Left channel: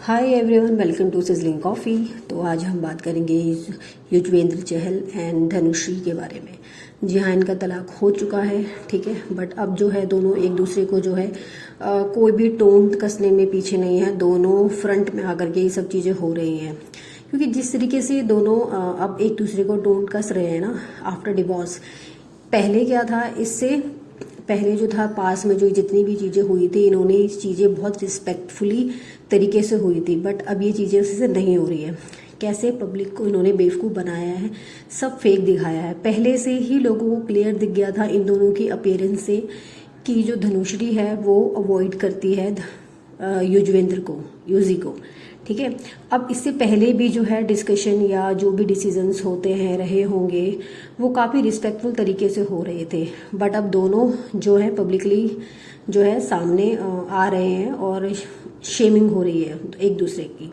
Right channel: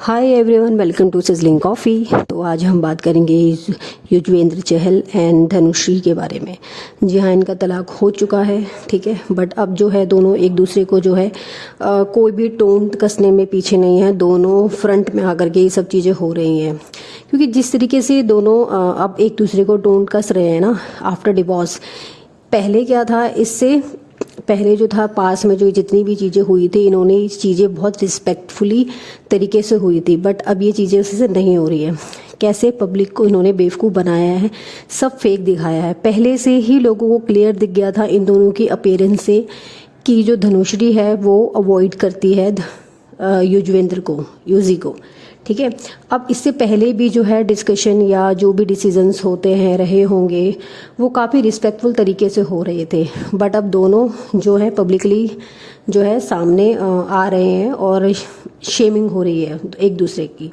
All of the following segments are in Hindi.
Hi everyone, welcome to sizzling coffee. तो आज हम बात करेंगे युजवेंद्र चहल एंड धनुश्री के बारे में। जी हाँ, इनका तलाक हो चुका है, ठीक है। बट अब जो है दोनों एक दूसरे को जो है कोई भी टोन कसने में पीछे नहीं है। दोनों फ्रंट में आकर के ये सब चीज़ें हो रही हैं, क्योंकि जिस तरीके से दोनों अब एक दूसरे को टोन कस रहे हैं ना आफ्टर डिवोर्स। पहले क्या था, इससे पहले जो था पास में जो जितनी भी चीज़ें हुई थी, इन्होंने इस चीज़ें बहुत रिस्पेक्टफुली तरीके से हुई थी। बट अब ये चीज़ें उससे नहीं हो रही है। कैसे पब्लिक को इन्होंने बेवकूफ़ बनाया है, सब फेक दिखाया है। पहले से ही लोगों को क्लियर दिख गया था इन दोनों की अपीयरेंस से कि जो धनुश्री है वो अवॉइड करती है युजवेंद्र को, यूजी को, ठीक है। अब इससे पहले भी जो है डिस्कशन या जो भी डिसीजंस होते हैं रहे होंगे वो काफ़ी रिस्पेक्टफुल तरीके से हो रहे थे। बट अब दोनों जो है पब्लिकली जो है सामने आ रहे हैं और शेमिंग हो रही है एक दूसरे की।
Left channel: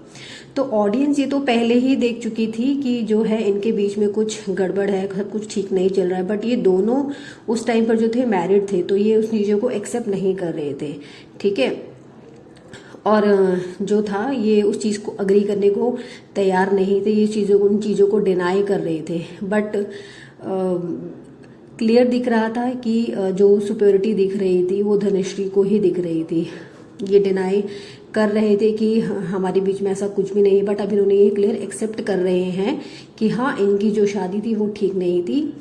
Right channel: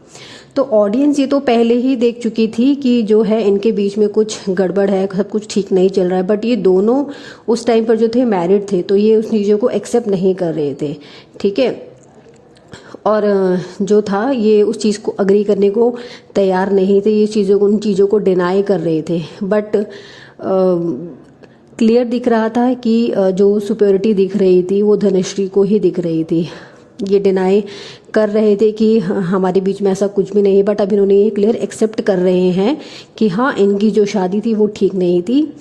तो ऑडियंस ये तो पहले ही देख चुकी थी कि जो है इनके बीच में कुछ गड़बड़ है, सब कुछ ठीक नहीं चल रहा है। बट ये दोनों उस टाइम पर जो थे मैरिड थे, तो ये उस चीज़ों को एक्सेप्ट नहीं कर रहे थे, ठीक है। और जो था ये उस चीज़ को अग्री करने को तैयार नहीं थे, ये चीज़ों को उन चीज़ों को डिनाई कर रहे थे। बट क्लियर दिख रहा था कि जो सुपेरिटी दिख रही थी वो धनुश्री को ही दिख रही थी। ये डिनाई कर रहे थे कि हमारे बीच में ऐसा कुछ भी नहीं है। बट अब इन्होंने ये क्लियर एक्सेप्ट कर रहे हैं कि हाँ, इनकी जो शादी थी वो ठीक नहीं थी।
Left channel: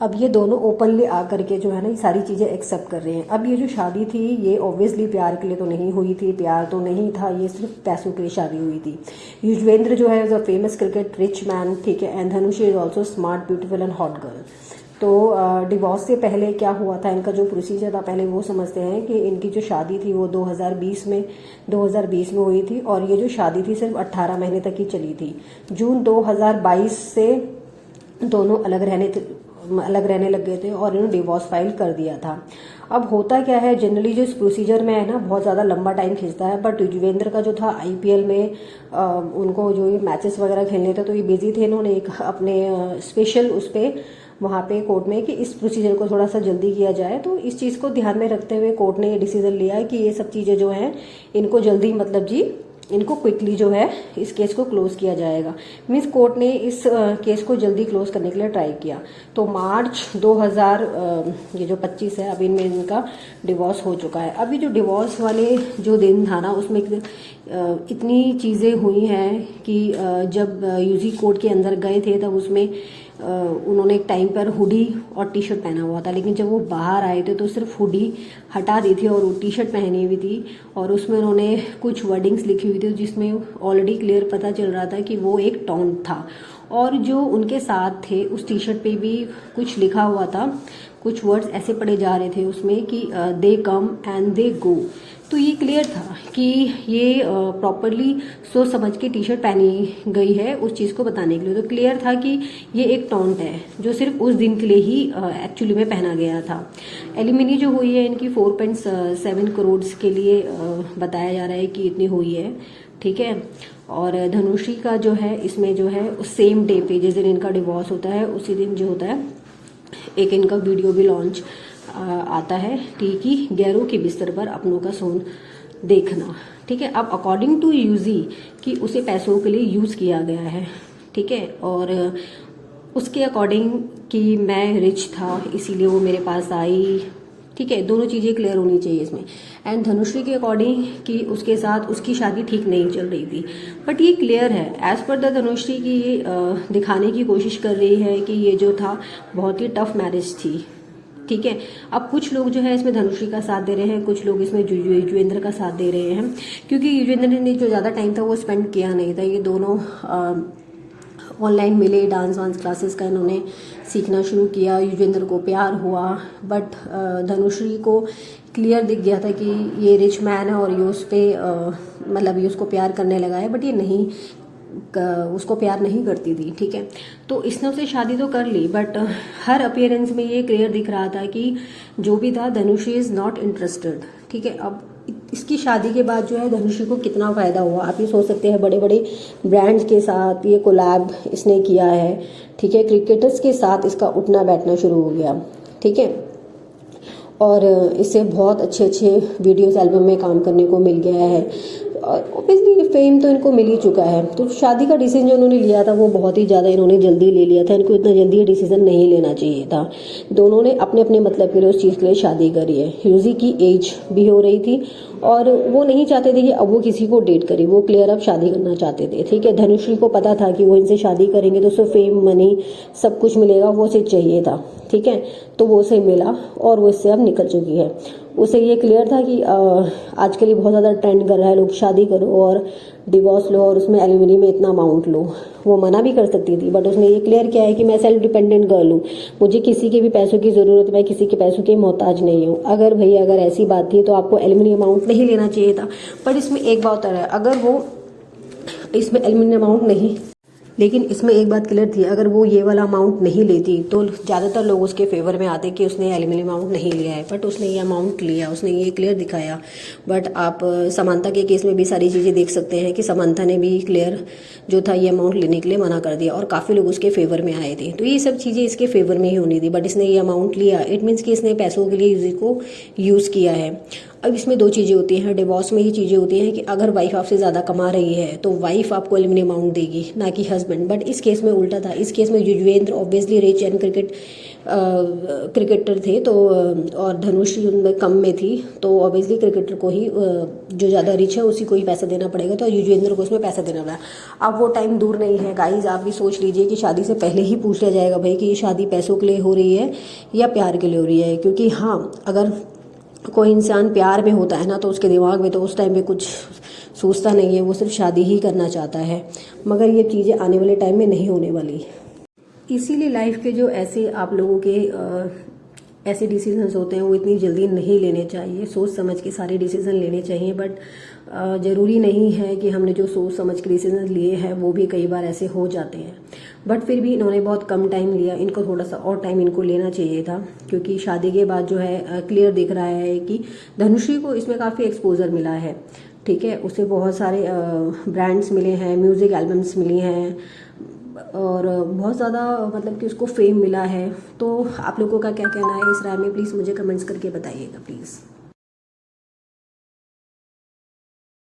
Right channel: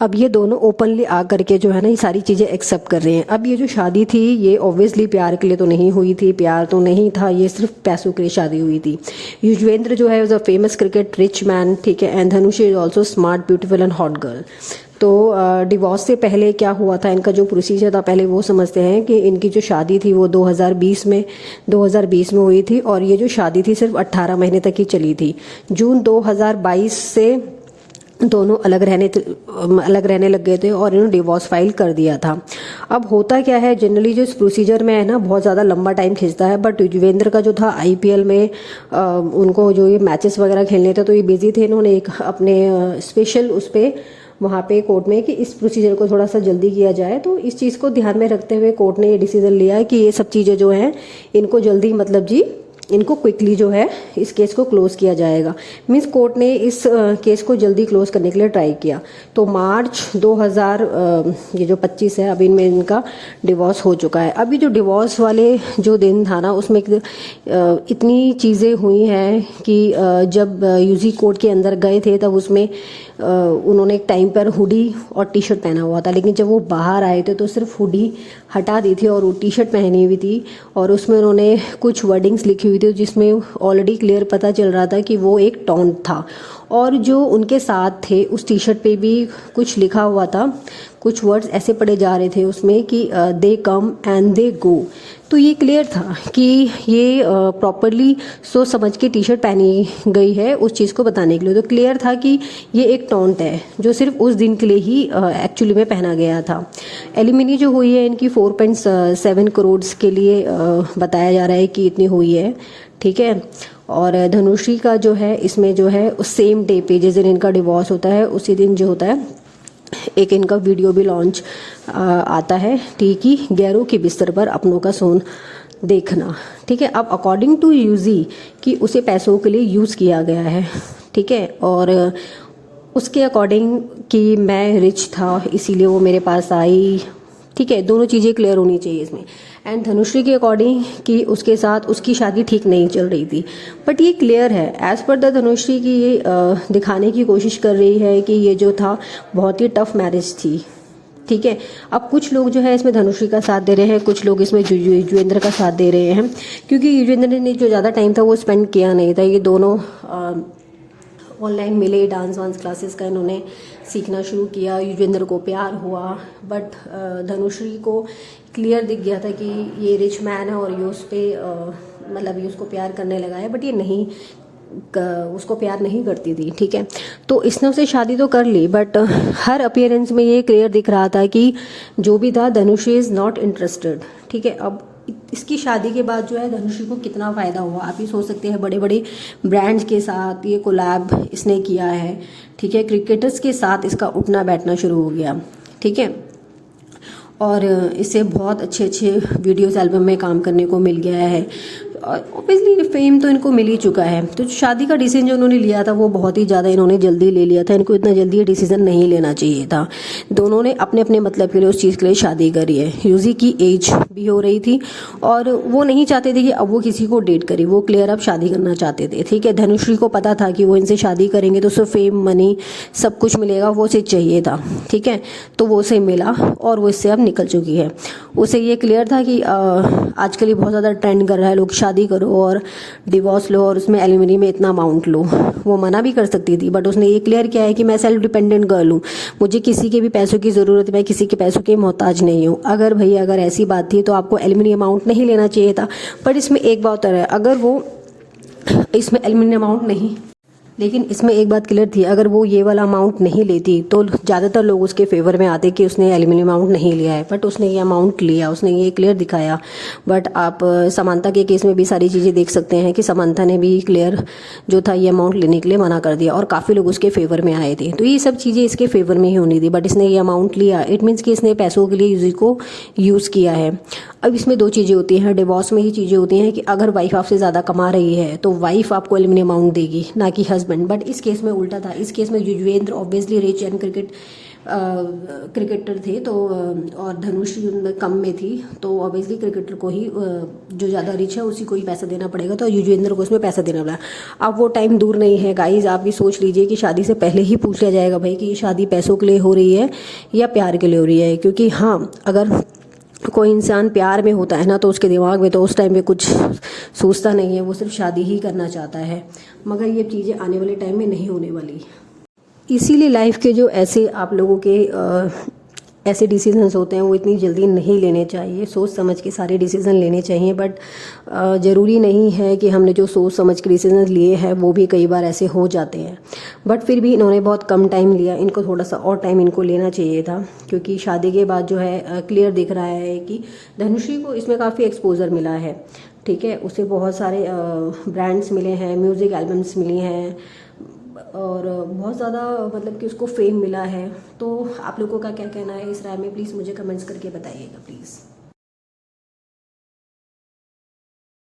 अब ये दोनों ओपनली आ करके जो है ना ये सारी चीज़ें एक्सेप्ट कर रहे हैं। अब ये जो शादी थी ये ऑब्वियसली प्यार के लिए तो नहीं हुई थी, प्यार तो नहीं था, ये सिर्फ पैसों के लिए शादी हुई थी। युजवेंद्र जो है is a famous cricket rich man, ठीक है। And Dhanashree is also smart, beautiful and hot girl. तो डिवोर्स से पहले क्या हुआ था, इनका जो प्रोसीजर था पहले वो समझते हैं कि इनकी जो शादी थी वो 2020 में हुई थी। और ये जो शादी थी सिर्फ 18 महीने तक ही चली थी। जून 2022 से दोनों अलग रहने लग गए थे और इन्होंने डिवोर्स फाइल कर दिया था। अब होता क्या है, जनरली जो इस प्रोसीजर में है ना बहुत ज़्यादा लंबा टाइम खिंचता है। बट युजवेंद्र का जो था आईपीएल में उनको जो ये मैचेस वगैरह खेलने थे तो ये बिजी थे। इन्होंने एक अपने स्पेशल उस पर वहाँ पे कोर्ट में कि इस प्रोसीजर को थोड़ा सा जल्दी किया जाए। तो इस चीज़ को ध्यान में रखते हुए कोर्ट ने ये डिसीजन लिया है कि ये सब चीज़ें जो हैं इनको जल्दी इनको क्विकली जो है इस केस को क्लोज किया जाएगा। मीन्स कोर्ट ने इस केस को जल्दी क्लोज करने के लिए ट्राई किया। तो मार्च 2025 है, अभी इनमें इनका डिवोर्स हो चुका है। अभी जो डिवोर्स वाले जो दिन था ना उसमें इतनी चीज़ें हुई हैं कि जब यूजी कोर्ट के अंदर गए थे तब उसमें उन्होंने एक टाइम पर हुडी और टी शर्ट पहना हुआ था, लेकिन जब वो बाहर आए थे तो सिर्फ हुडी हटा दी थी और वो टी शर्ट पहनी हुई थी। और उसमें उन्होंने कुछ वर्डिंग्स लिखी हुई थी जिसमें ऑलरेडी क्लियर पता चल रहा था कि वो एक टॉन्ट था। और जो उनके साथ थे उस टी शर्ट पे भी कुछ लिखा हुआ था, कुछ वर्ड्स ऐसे पढ़े जा रहे थे उसमें कि दे कम एंड दे गो। तो ये क्लियर था कि ये प्रॉपरली सोच समझ के टी शर्ट पहनी गई है उस चीज़ को बताने के लिए। तो क्लियर था कि ये एक टॉन्ट है जो सिर्फ उस दिन के लिए ही एक्चुअली में पहना गया था। एलिमिनी जो हुई है इनकी 4.7 करोड़ के लिए बताया जा रहा है कि इतनी हुई है, ठीक है। और धनुश्री का जो है इसमें जो है उस सेम डे पे जिस दिन इनका डिवोर्स होता है उसी दिन जो होता है एक इनका वीडियो भी लॉन्च आता है, ठीक ही गैरों के बिस्तर पर अपनों का सोन देखना, ठीक है। अब अकॉर्डिंग टू यूजी कि उसे पैसों के लिए यूज़ किया गया है, ठीक है। और उसके अकॉर्डिंग कि मैं रिच था इसीलिए वो मेरे पास आई, ठीक है। दोनों चीज़ें क्लियर होनी चाहिए इसमें। एंड धनुश्री के अकॉर्डिंग कि उसके साथ उसकी शादी ठीक नहीं चल रही थी। बट ये क्लियर है एज पर द धनुश्री की ये दिखाने की कोशिश कर रही है कि ये जो था बहुत ही टफ मैरिज थी, ठीक है। अब कुछ लोग जो है इसमें धनुश्री का साथ दे रहे हैं, कुछ लोग इसमें युजवेंद्र का साथ दे रहे हैं, क्योंकि युजवेंद्र ने जो ज़्यादा टाइम था वो स्पेंड किया नहीं था। ये दोनों ऑनलाइन मिले, डांस वांस क्लासेस का इन्होंने सीखना शुरू किया। युजवेंद्र को प्यार हुआ, बट धनुश्री को क्लियर दिख गया था कि ये रिच मैन है और ये उस पर ये उसको प्यार करने लगा है। बट ये नहीं उसको प्यार नहीं करती थी, ठीक है। तो इसने उससे शादी तो कर ली, बट हर अपीयरेंस में ये क्लियर दिख रहा था कि जो भी था धनुश्री इज़ नॉट इंटरेस्टेड, ठीक है। अब इसकी शादी के बाद जो है धनुश्री को कितना फ़ायदा हुआ आप ये सोच सकते हैं। बड़े बड़े ब्रांड्स के साथ ये कोलैब इसने किया है, ठीक है। क्रिकेटर्स के साथ इसका उठना बैठना शुरू हो गया, ठीक है। और इससे बहुत अच्छे वीडियोस एल्बम में काम करने को मिल गया है। ऑब्वियसली फेम तो इनको मिल ही चुका है, तो शादी का डिसीजन जो उन्होंने लिया था वो बहुत ही ज़्यादा इन्होंने जल्दी ले लिया था। इनको इतना जल्दी ये डिसीजन नहीं लेना चाहिए था। दोनों ने अपने अपने मतलब के लिए उस चीज़ के लिए शादी करी है। यूजी की एज भी हो रही थी और वो नहीं चाहते थे कि अब वो किसी को डेट करे, वो क्लियर अब शादी करना चाहते थे। ठीक है, धनुश्री को पता था कि वो इनसे शादी करेंगे तो उसे फेम मनी सब कुछ मिलेगा, वो उसे चाहिए था। ठीक है, तो वो उसे मिला और वो इससे अब निकल चुकी है। उसे ये क्लियर था कि आजकल ये बहुत ज़्यादा ट्रेंड कर रहा है, लोग शादी करो और डिवोर्स लो और उसमें एलिमनी में इतना अमाउंट लो। वो मना भी कर सकती थी, बट उसने ये क्लियर किया है कि मैं सेल्फ डिपेंडेंट गर्ल हूँ, मुझे किसी के भी पैसों की ज़रूरत है, मैं किसी के पैसों की मोहताज नहीं हूँ। अगर भैया अगर ऐसी बात थी तो आपको एलिमनी अमाउंट नहीं लेना चाहिए था। बट इसमें एक बात और है, अगर वो इसमें एलिमनी अमाउंट नहीं, लेकिन इसमें एक बात क्लियर थी, अगर वो ये वाला अमाउंट नहीं लेती तो ज़्यादातर लोग उसके फेवर में आते कि उसने एलिमनी अमाउंट नहीं लिया है। बट उसने ये अमाउंट लिया, उसने ये क्लियर दिखाया। बट आप समांथा के केस में भी सारी चीज़ें देख सकते हैं कि समांथा ने भी क्लियर जो था ये अमाउंट लेने के लिए मना कर दिया और काफ़ी लोग उसके फेवर में आए थे। तो ये सब चीज़ें इसके फेवर में ही होनी थी, बट इसने ये अमाउंट लिया, इट मीन्स कि इसने पैसों के लिए यूजी को यूज़ किया है। अब इसमें दो चीज़ें होती हैं, डिवोर्स में ही चीज़ें होती हैं कि अगर वाइफ आपसे ज़्यादा कमा रही है तो वाइफ आपको एलिमनी अमाउंट देगी, ना कि हस्बैंड। बट इस केस में उल्टा था। इस केस में Yuzvendra obviously rich and cricketer थे, तो और धनुष उनमें कम में थी, तो ऑब्वियसली क्रिकेटर को ही जो ज़्यादा रिच है उसी को ही पैसा देना पड़ेगा, तो युजवेंद्र को इसमें पैसा देना पड़ा। अब वो टाइम दूर नहीं है गाइज, आप भी सोच लीजिए कि शादी से पहले ही पूछ लिया जाएगा भाई कि ये शादी पैसों के लिए हो रही है या प्यार के लिए हो रही है। क्योंकि हाँ, अगर कोई इंसान प्यार में होता है ना तो उसके दिमाग में तो उस टाइम में कुछ सोचता नहीं है, वो सिर्फ शादी ही करना चाहता है। मगर ये चीज़ें आने वाले टाइम में नहीं होने वाली। इसीलिए लाइफ के जो ऐसे आप लोगों के ऐसे डिसीजंस होते हैं वो इतनी जल्दी नहीं लेने चाहिए, सोच समझ के सारे डिसीजन लेने चाहिए। बट ज़रूरी नहीं है कि हमने जो सोच समझ के डिसीजन लिए हैं वो भी कई बार ऐसे हो जाते हैं। बट फिर भी इन्होंने बहुत कम टाइम लिया, इनको थोड़ा सा और टाइम इनको लेना चाहिए था, क्योंकि शादी के बाद जो है क्लियर दिख रहा है कि धनुश्री को इसमें काफ़ी एक्सपोजर मिला है। ठीक है, उसे बहुत सारे ब्रांड्स मिले हैं, म्यूज़िक एल्बम्स मिली हैं और बहुत ज़्यादा मतलब कि उसको फेम मिला है। तो आप लोगों का क्या कहना है इस राय में, प्लीज़ मुझे कमेंट्स करके बताइएगा प्लीज़।